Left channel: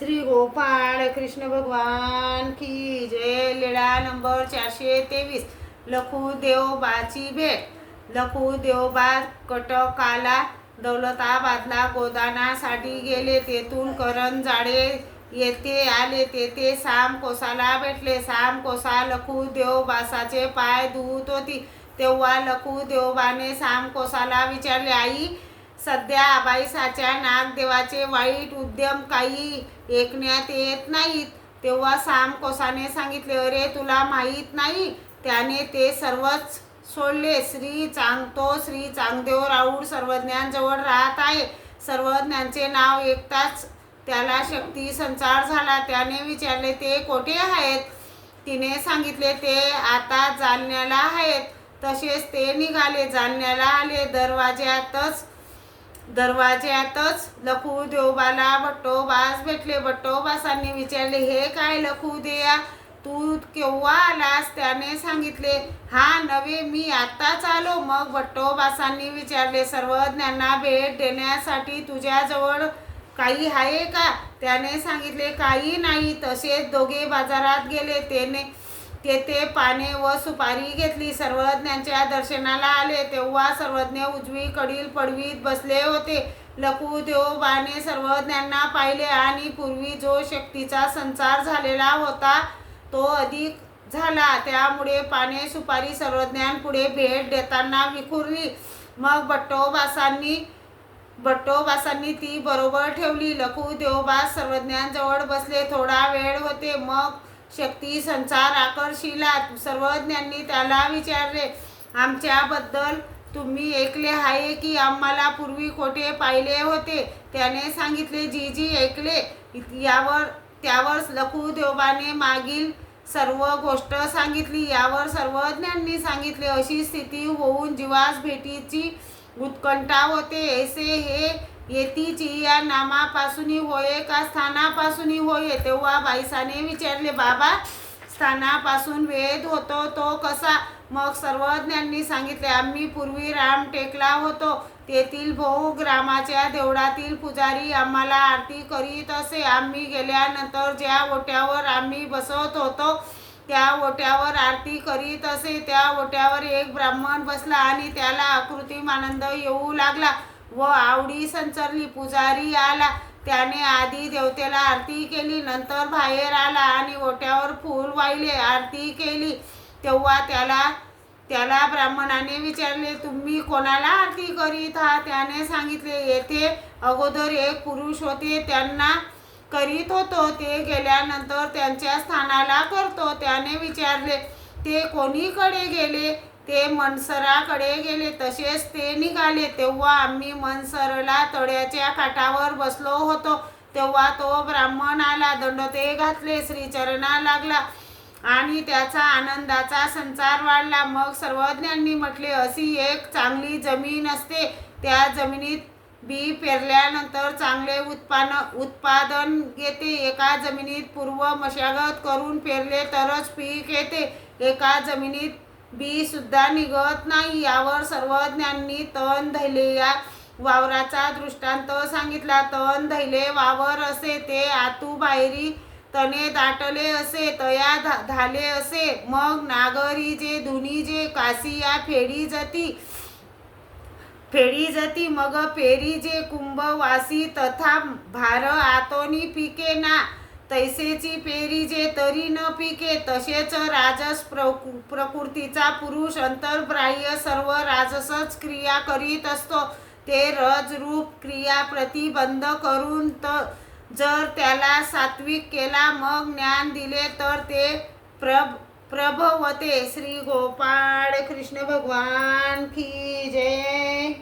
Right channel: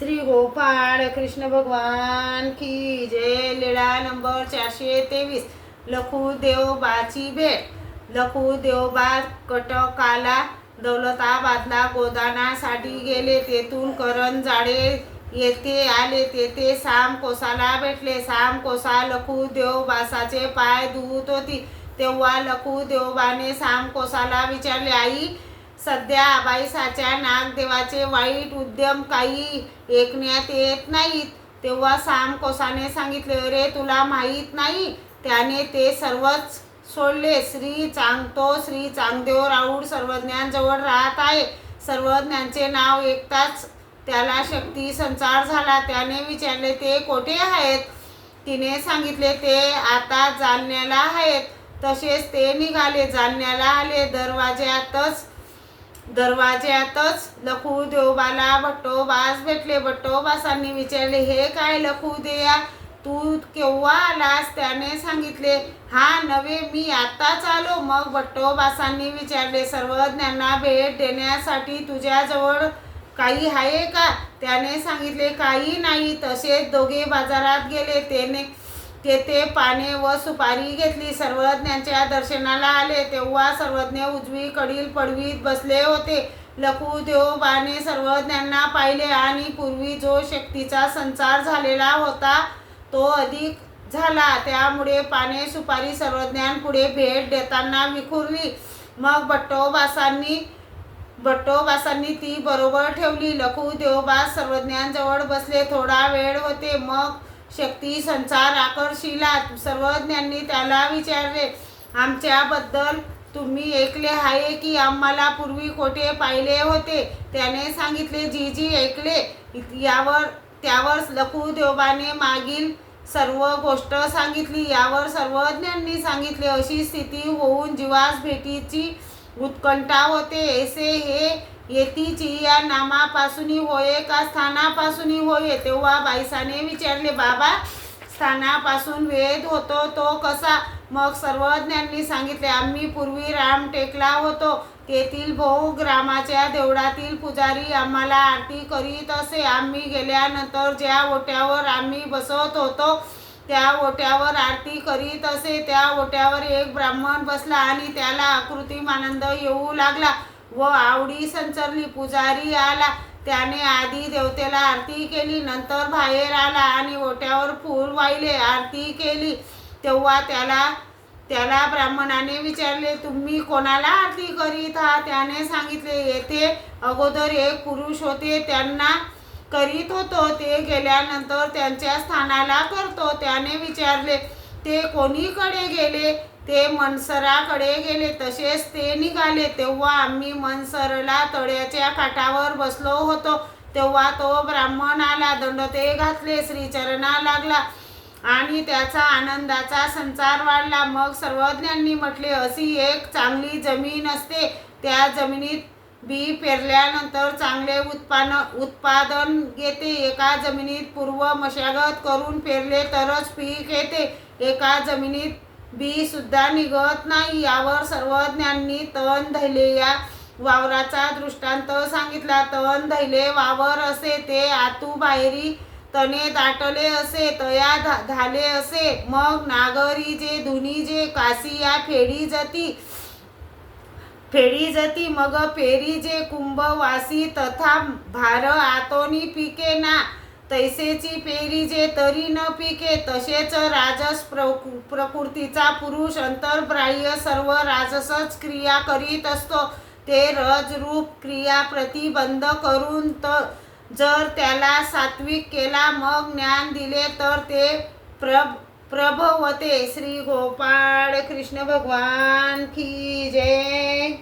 श्री गोपाळ कृष्ण भगवान की जय. लीळा नंबर चारशे तेवीस. लखू देवबाची भेट. लखू देवबा कटकाला दौलताबादला गोदानासाठी गेले. तेथून करण जाडे येथे आले. तेथे साम कोसाला भेटले. साम कोसा लखू देवबासाचे पाय धुत होती. तेव्हा लखू देवबाने साम कोसाला विचारले आई सध्या आबाईसाच्या नागदेवाचे वाईट उद्यम काही ऐकण्यात येत नाहीत. तेव्हा साम कोसाने सांगितले अरे तुला माहीत नाही? त्याने ते सर्वच सोडले. श्री चांग तो श्री चांगदेव राऊळ सर्वज्ञांजवळ राहत आहे. सर्वज्ञांचे नाव ऐकताच त्याला शक्ती संचार झाला. त्याने विचारले ते कोठे आहेत? तिने सांगितले ते आता जालन्याला आहेत. तसेच ते निघाले. जालन्याला आले. दरवाज्यातच दरवाज्यातच लखू देवबाला भट्टोबास भेटले. भट्टोबासांनी विचारले हे काय लखू देया तू केव्हा आलास? त्याने सांगितले हा नवे मी आत्ताच आलो. मग भट्टोबासांनी विचारले सर्वज्ञांना भेट देण्यासाठी तुझ्याजवळ काही आहे का? त्याने सांगितले काही नाही. तसेच दोघे बाजारात गेले. त्याने तेथे पाने व सुपारी घेतली. सर्वज्ञांच्या दर्शनाला आले. तेव्हा सर्वज्ञ उजवीकडील पडवीत बसले होते. लकुदेवबाने सर्वज्ञांना पाहिले आणि पूर्वी जो शक्तीचा संचार झालेला होता तो अधिक झाला. त्यामुळे पाने सुपारी सर्वज्ञांपुढे भेट देताना विखुरली. मग भट्टोबासांनी भट्टोबासांनी ती बरोबर ठेवली. लखू देवबास सर्वज्ञांजवळ बसले. थोडा वेळ होते. मग शक्ती संसार आकर्षिला सर्वज्ञांनी त्याला विचारले. आमच्याबद्दल तुम्ही ऐकले आहे की आम्हाला पूर्वी कोठे पाहिले होते. त्याने सांगितले जी जी ऐकले. यावर त्यावर लखुदेवाने मागील सर्व गोष्ट सांगितली. यावर सर्वज्ञांनी सांगितले. अशी स्थिती होऊन जीवास भेटीची उत्कंठा होते. ऐसे हे येतीची या नामापासून होय का स्थानापासून होय? तेव्हा बाईसाने विचारले बाबा स्थानापासून वेद होतो तो कसा? मग सर्वज्ञांनी सांगितले आम्ही पूर्वी रामटेकला होतो. तेथील भाऊ ग्रामाच्या देवळातील पुजारी आम्हाला आरती करीत असे. आम्ही गेल्यानंतर ज्या ओट्यावर आम्ही बसत होतो त्या ओट्यावर आरती करीत असे. त्या ओट्यावर एक ब्राह्मण बसला आणि त्याला आकृती आनंद येऊ लागला. व आवडी संचरली पुजारी आला. त्याने आधी देवतेला आरती केली नंतर बाहेर आला आणि ओट्यावर फूल वाहिले. आरती केली. तेव्हा त्याला त्याला ब्राह्मणाने विचारले तुम्ही कोणाला आरती करीत आहात? त्याने सांगितले येथे अगोदर एक पुरुष होते. त्यांना करीत होतो. ते गेल्यानंतर त्यांच्या स्थानाला करतो. त्याने विचारले ते कोणीकडे गेले? ते मनसराकडे गेले तसेच ते निघाले. तेव्हा आम्ही मनसरला तळ्याच्या काठावर बसलो होतो. तेव्हा तो ब्राह्मण आला दंडते घातले श्रीचरणा लागला आणि त्याचा आनंदाचा संचार वाढला. मग सर्वज्ञांनी म्हटले अशी एक चांगली जमीन असते. त्या जमिनीत बी पेरल्यानंतर चांगले उत्पादन उत्पादन येते एका जमिनीत पूर्व मशागत करून पेरले तरच पीक येते. एका जमिनीत बी सुद्धा निघत नाही. यावर सर्वज्ञांनी तण धैले या वावराचा दृष्टांत सांगितला. तण धैले वावर असे ते आतू बाहेरी तने दाटले असे तया धा- झाले असे. मग नागरी जे धुनी जे काशी या फेडी जती फेडी जती मग पेरी जे कुंभवासी तथा भार आतोनी पिके ना. तैसेची पेरी जे तरी न पिके तसेच राजस प्रकु प्रकृतीचा पुरुष अंतर्बाह्य सर्व राजसच क्रिया करीत असतो. ते रजरूप क्रिया प्रतिबंध करून त जर त्याला सात्विक केला मग ज्ञान दिले तर ते प्रभ प्रभवते. श्री गोपाळ कृष्ण भगवान की जय.